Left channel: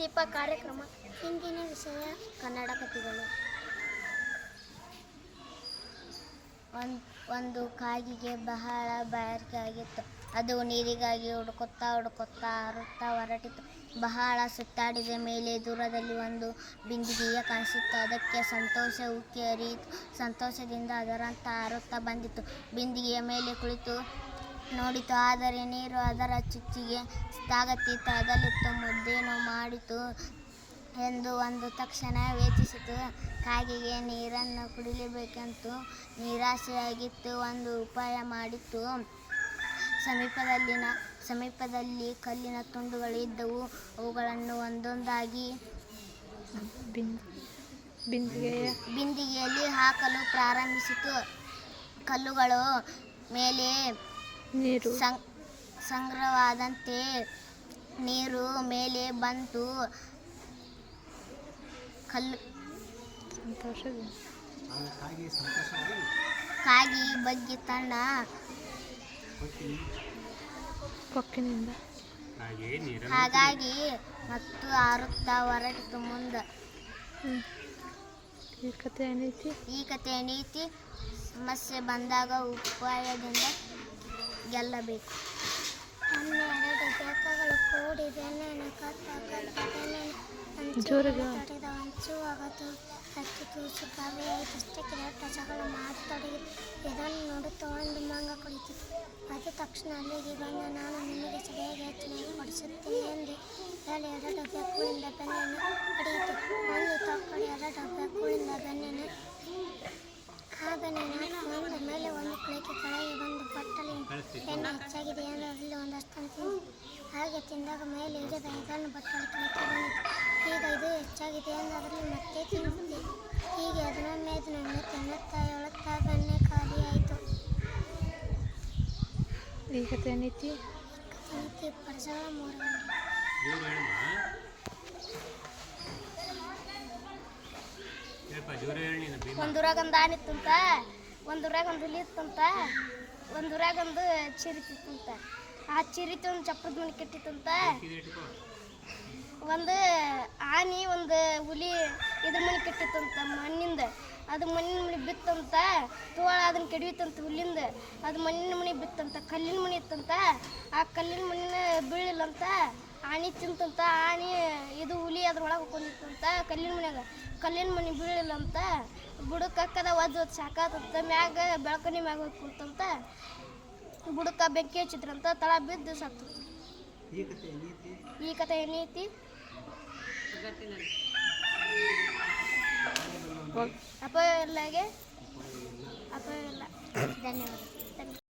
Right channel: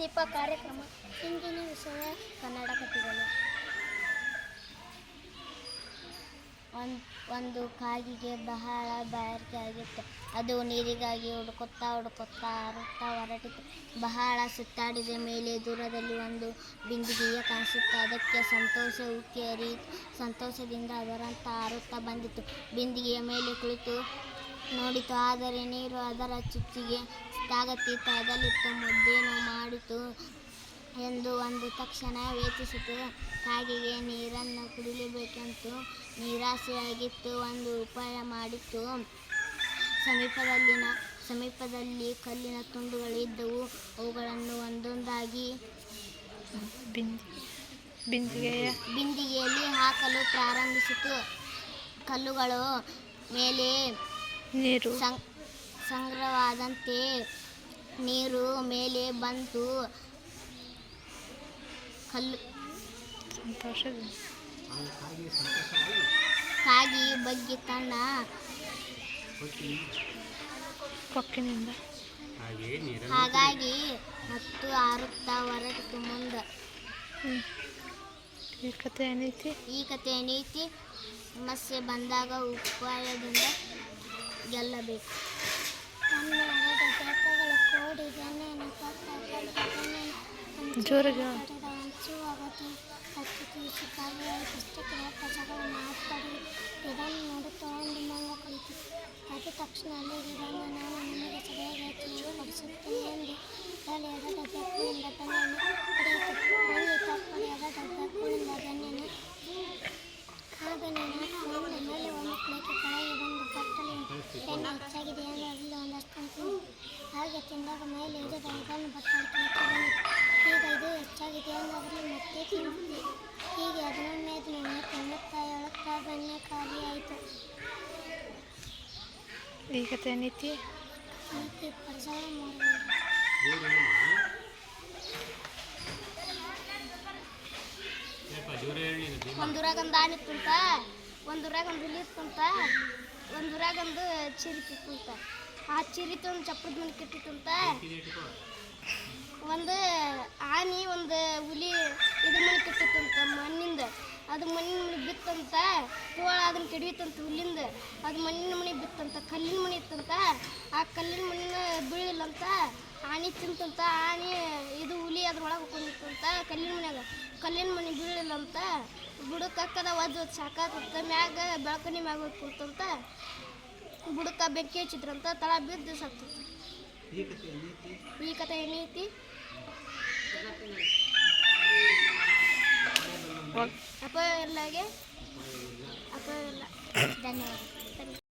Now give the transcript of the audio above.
ದೀಪ ಕಾರ್ಯಕ್ರಮ ಇಂದಿನ ವಿಷಯ ಕನ್ನಡ ಕಥೆಗಳು. ಒಂದು ಒಂದು ಕಾಗಿಗೆ ಬಹಳ ಬಾಯಾರಿಕೆ ಆಗಿತ್ತು. ಅದು ನೀರಿಗಾಗಿ ಹುಡುಕುತ್ತಾ ಹುಡುಕುತ್ತಾ ಹಾರುತ್ತಾ ಹೊರಟಿತು. ಬಹಳ ಸುತ್ತಾಡಿದ ಮೇಲೆ ದೂರದಲ್ಲಿ ಒಂದು ಬಿಂದಿಗೆಯ ಕಾಣಿಸಿತ್ತು. ಅದಕ್ಕೆ ಸಂತೋಷ ಉಕ್ಕಿ ಹರಿಯಿತು ಸಂತೋಷದಿಂದ ಅದರಂತ ಹಾರುತ್ತಾ ಬಂದಿತ್ತು ಬಿಂದಿಗೆಯ ಮೇಲೆ ಕುಳಿತು ನೋಡಿತು ಆದರೆ ನೀರು ಅದರ ಚುಚ್ಚಿಗೆ ತಾಗತೀತ ಅದಲ್ಲಿತ್ತು ಮುದ್ದೇನು ಮಾಡಿತು ಎಂದು ಒಂದು ತಕ್ಷಣ ವೇಚಿಸಿತು ಕಾಗೆಗೆ ನೀರನ್ನು ಕುಡಿಯಬೇಕೆಂತು ನಿರಾಸೆಯಾಗಿತ್ತು ಒಂದು ಉಪಾಯ ಮಾಡಿತ್ತು ಸಮೀಪದಲ್ಲಿನ ಸಮೀಪದಲ್ಲಿ ಕಲ್ಲಿನ ತುಂಡುಗಳು ಇದ್ದವು. ಅವುಗಳನ್ನು ಒಂದೊಂದಾಗಿ ಬಿಂದಿ ಬಿಂದಿಗೆಯ ಬಿಂದಿಗೆಯಲ್ಲಿ ಹಾಕಲು ಪ್ರಾರಂಭಿಸಿತು. ಕಲ್ಲುಗಳು ಮೇಲೆ ನೀರು. ಸಂ ಸಂಗ್ರಹವಾದಂತೆ ನೀರು ಮೇಲೆ ಬಂತು ಕಲ್ಲು ಕಾಗಿ ಬಗ್ಗೆ ತನ್ನ ಕೊಕ್ಕಿನಿಂದ. ಹಾಗಾಗಿ ಮತ್ತು ಹಾರುತ್ತಾ ಹೊರಟಿತು ಮುಂದೆ. ಈ ಕಥೆ ಏನೈತಿ? ಈ ಕಥೆ ಏನೈತಿ? ಸಮಸ್ಯೆ ಬಂದಾಗ ಉಪಾಯದಿಂದ ಗೆಲ್ಲಬೇಕು ಬೆಕ್ಕಗಳು ಕೂಡಿ ಬೆನ್ನೇನು ಕತ್ತ ಕತ್ತ ಬೆನ್ನೇನು ಜೋರಾಗಿ ತಡೆದ ಹಂಚು ಆಗತು ಹತ್ತಿ ತೂಸಿ ಖಾಲಿಯಾಯಿತಷ್ಟೇ ಕಿರಾಟ ಜಗಳ ಮಾತೊಡಗಿ ಇದನ್ನು ನೋಡುತ್ತಾ ಒಂದು ಮಂಗ ಕುಳಿತು ಅದು ತಕ್ಷಣ ಅಲ್ಲಿಗೆ ಬಂದ ನಾನು ನಿಮಗೆ ಸರಿಯಾಗಿ ಹೆಚ್ಚಿನ ಕೊಡಿಸುತ್ತೇನೆ ಎಂದು ಹೇಳಿ ಎರಡು ಬೆಕ್ಕುಳಿಂದ ಬೆನ್ನೆಯನ್ನು ಹಾಗೆ ತಿಂದಾಗ ಮೇಲೆ ಬಟ್ಟಲು ಕೆಳಕ್ಕೆ ಬಂದಿತು ಈಗ ಇದು ಹೆಚ್ಚಾಗಿದೆ ಅನ್ನೋದ್ರಲ್ಲಿ ಮತ್ತೆ ತಿನ್ನುತ್ತೆ. ಹೀಗೆ ಹದಿನೊಮ್ಮೆ ಹದಿನೊಮ್ಮೆ ತಿನ್ನುತ್ತಾ ಹೇಳುತ್ತಾ ಬೆಣ್ಣೆ ಖಾಲಿಯಾಯಿತು ಆಯಿತು. ಈಗ ತಿನ್ನಿತಿ? ನೀತಿ ಪಡಿಸಲ ಮೂರು ಒಂದೂರಾಗ ಒಂದು ಆನೆ ಕುಂತ ಒಂದೂರಾಗ ಒಂದು ಹುಲಿ ಕುಂತ ಒಂದೂರಾಗ ಒಂದು ಚಿರಿತಿತ್ತಂತ ಆ ಚಿರಿತಿ ಒಂದು ಚಪ್ಪದ ಮನೆ ಕೆಟ್ಟಿತ್ತಂತ? ಒಂದು ಆನಿ ಒಂದು ಹುಲಿ ಇದ್ರ ಮನೆ ಕೆಟ್ಟಿತ್ತಂತ ಮಣ್ಣಿಂದ. ಅದು ಮಣ್ಣಿನ ಮನೆ ಬಿತ್ತಂತ ತೋಳ ಅದನ್ನ ಕೆಡವಿತ್ತಂತ ಹುಲ್ಲಿಂದ. ಅದು ಮಣ್ಣಿನ ಮನೆ ಬಿತ್ತಂತ ಕಲ್ಲಿನ ಮನೆ ಇತ್ತಂತ. ಆ ಕಲ್ಲಿನ ಮಣ್ಣಿನ ಬೀಳಿಲ್ಲಂತ ಆನೆ ತಿಂತಂತ ಆನಿ ಇದು ಹುಲಿ ಅದ್ರೊಳಗೆ ಹಾಕೊಂಡಿತ್ತಂತ ಕಲ್ಲಿನ ಮನೆಯಾಗ. ಕಲ್ಲಿನ ಮನೆ ಬೀಳಿಲ್ಲಂತ ಬುಡಕ್ಕೆ ಕಕ್ಕದ ಒದ್ದು ಒದ್ದು ಸಾಕಾತಂತ ಮ್ಯಾಗ ಬೆಳಕನಿ ಮ್ಯಾಗ ಹೋಗಿ ಕೂತಂತ ಬುಡಕ್ಕೆ ಬೆಂಕಿ ಹಚ್ಚಿದ್ರಂತ ತಳ ಬಿದ್ದು ಸತ್ತು. ಈ ಕಥೆ ಏನೈತಿ ಅಪಾಯ ಇಲ್ಲಾಗೆ ಅಪಾಯ ಇಲ್ಲ ಧನ್ಯವಾದ.